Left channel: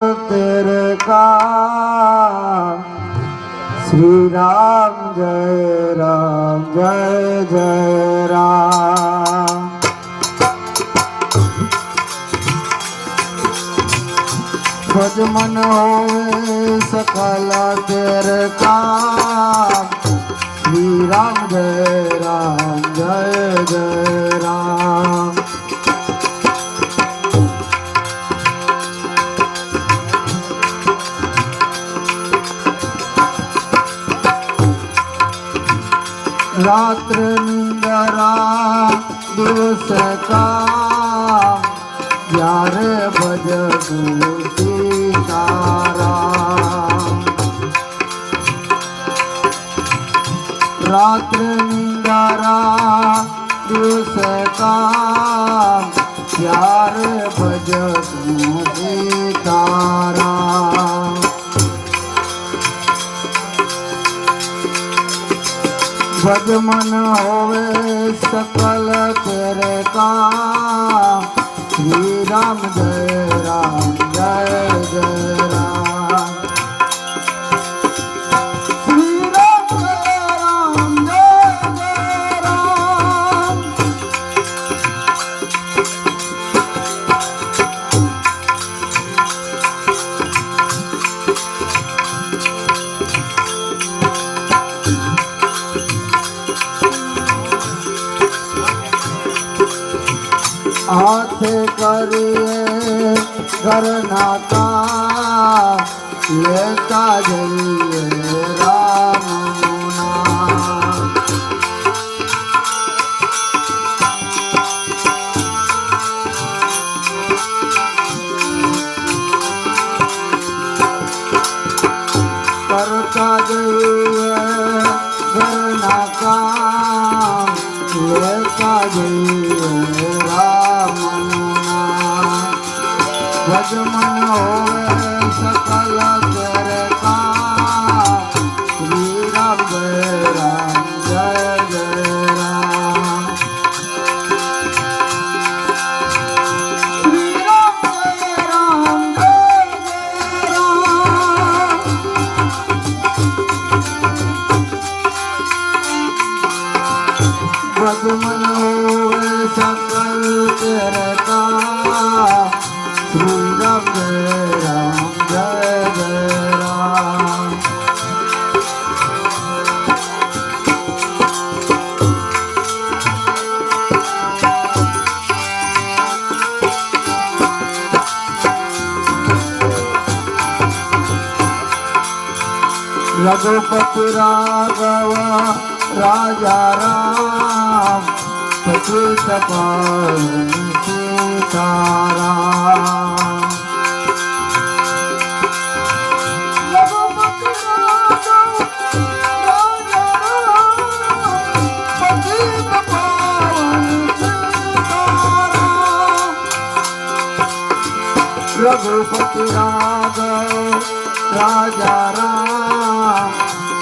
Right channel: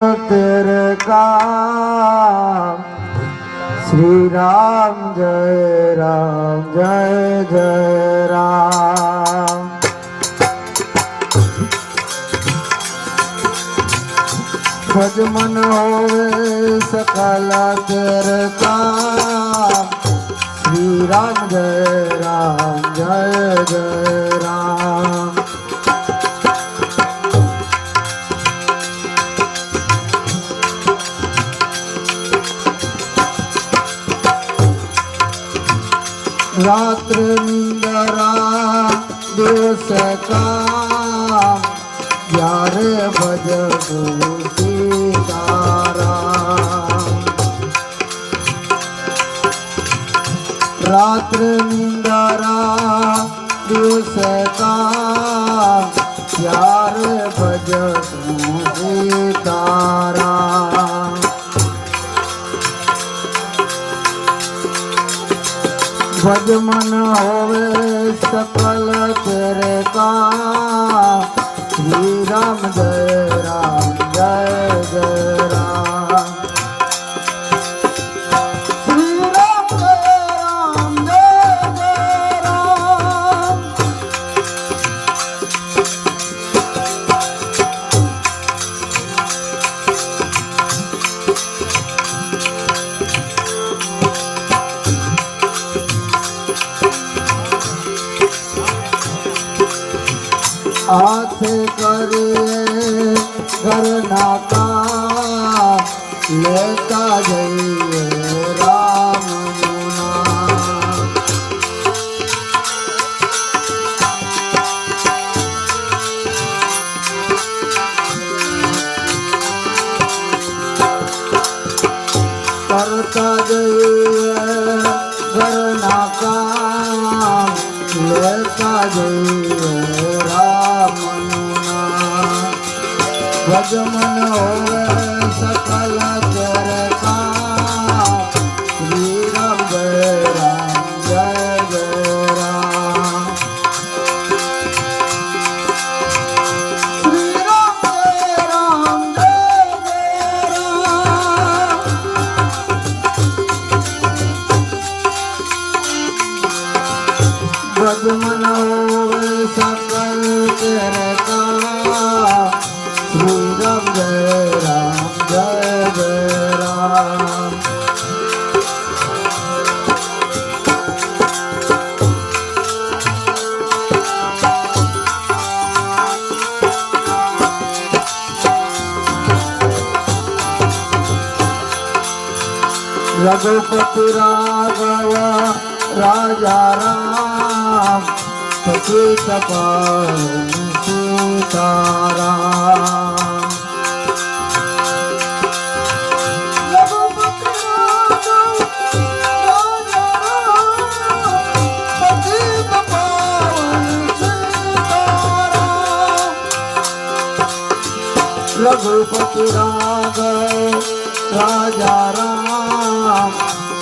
तेरे काम श्री राम जय जय राम। भज मन होवे सकल तेरे काम श्री राम जय राम। रात्र निंदरा दिवस काम यारे भजबू सीताराम। रात्र निंदरा दिवस काम यारे भजबू सीताराम। भज मन होवे सकल तेरे काम श्री राम जय राम। श्री राम जय राम। हाथ करिए घर नाता लेता जाइए राम नाम। करता जाइए घर नाता लेता जाइए राम नाम। भज मन होवे सकल तेरे काम श्री राम जय राम। श्री राम जय राम। भज मन होवे सकल तेरे काम श्री राम जय राम। रघुपति राघव राजा राम सचित पावनी सीताराम। रघुपति राघव राजा राम सचित पावनी सीताराम। रघुपति राघव राजा राम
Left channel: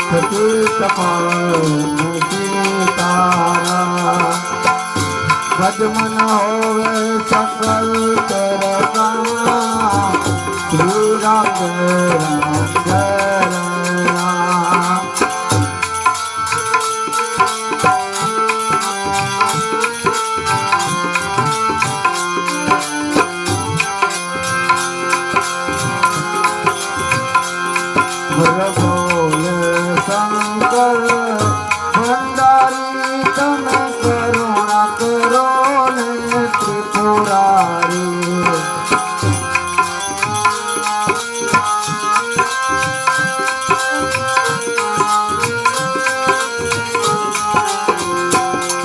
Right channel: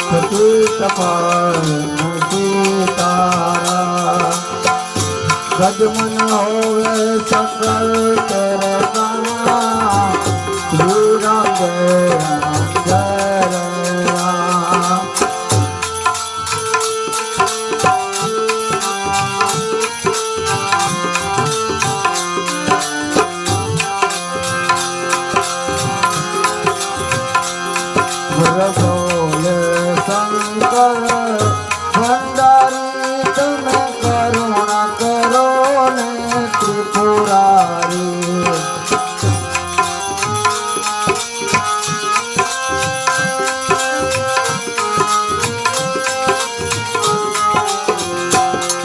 सचित पावनी सीताराम। भज मन होवे सकल तेरे काम श्री राम जय राम। बोले शंकर भंडारी तने करुणा करो ने त्रिपुरारी।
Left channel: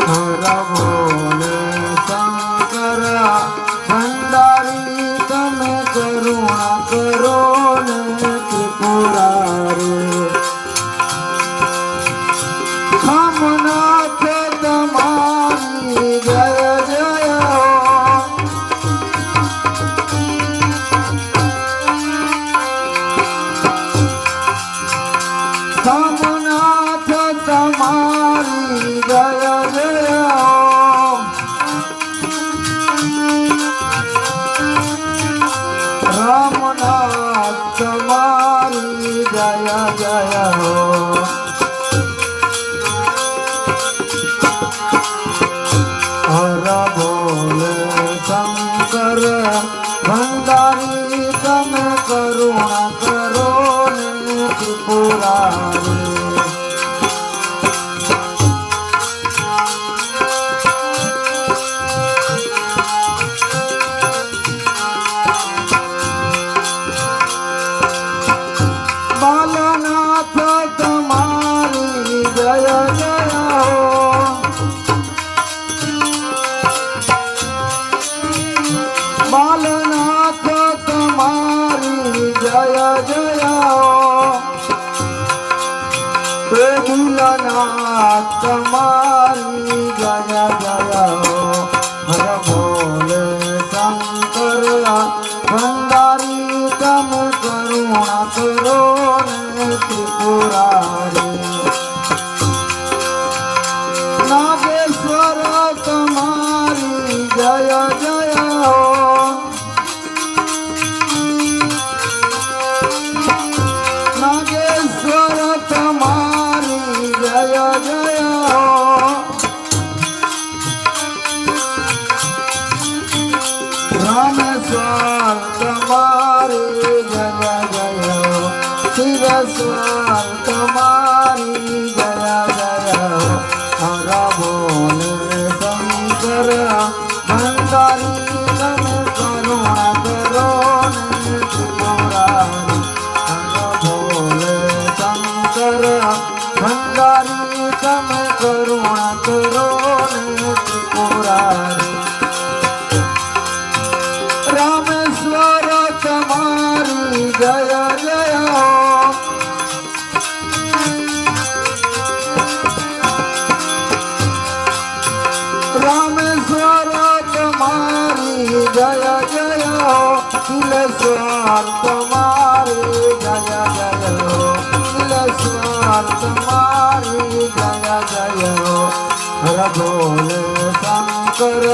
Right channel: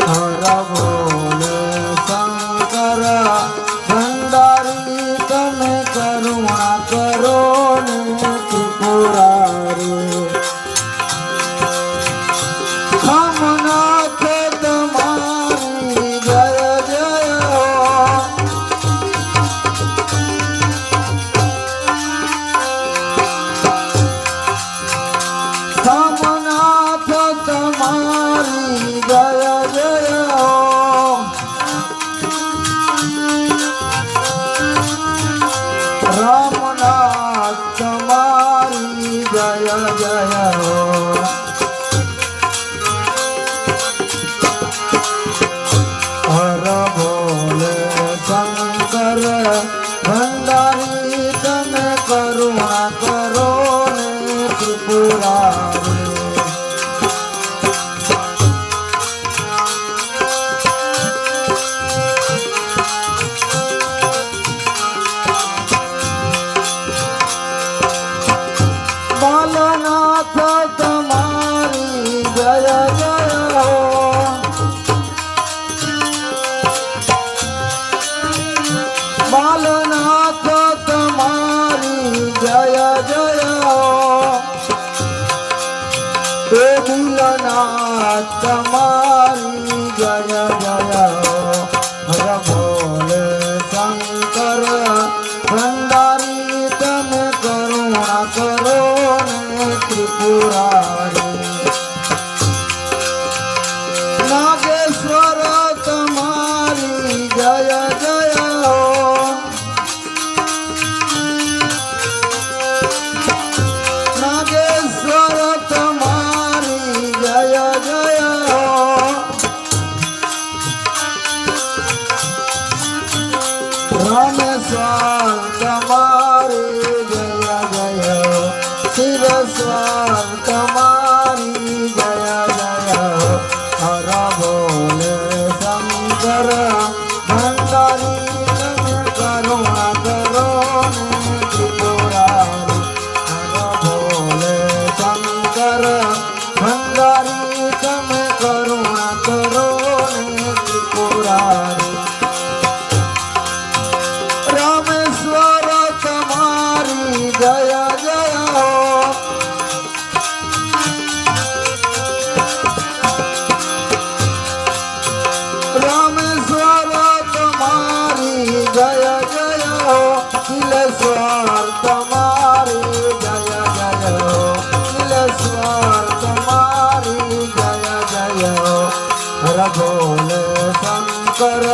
हर बोले शंकर भंडारी तने करुणा करो ने त्रिपुरारी। ભોળાનાથ તમારી જય જય હો હર બોલે શંકર ભંડારી તમે કરુણા કરો ને ત્રિપુરારી નાગેશ્વર તમારી જય જય હો નાગેશ્વર તમારી જય જય હો રામેશ્વર તમારી જય જય હો શિવેશ્વર તમારી જય જય હો હર બોલે શંકર ભંડારી તમે કરુણા કરો ને ત્રિપુરારી હર બોલે શંકર ભંડારી તમે કરુણા કરો ને ત્રિપુરારી રામેશ્વર તમારી જય જય હો રામેશ્વર તમારી જય જય હો શિલેશ્વર તમારી જય જય હો શિલેશ્વર તમારી જય જય હો હર બોલે શંકર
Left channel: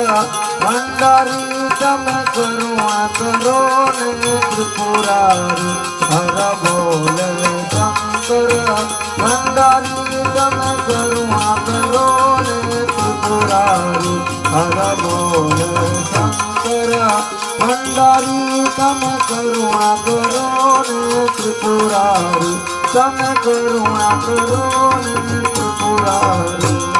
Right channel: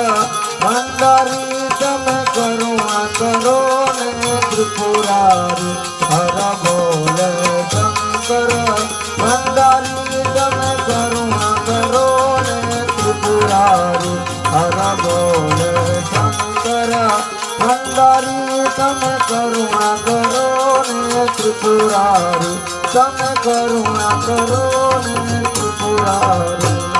ભંડારી તમે કરુણા કરો ને ત્રિપુરારી હર બોલે શંકર ભંડારી તમે કરુણા કરો ને ત્રિપુરારી હર બોલે શંકર ભંડારી તમે કરુણા કરો ને ત્રિપુરારી તમે કરુણા કરો ને ત્રિપુરારી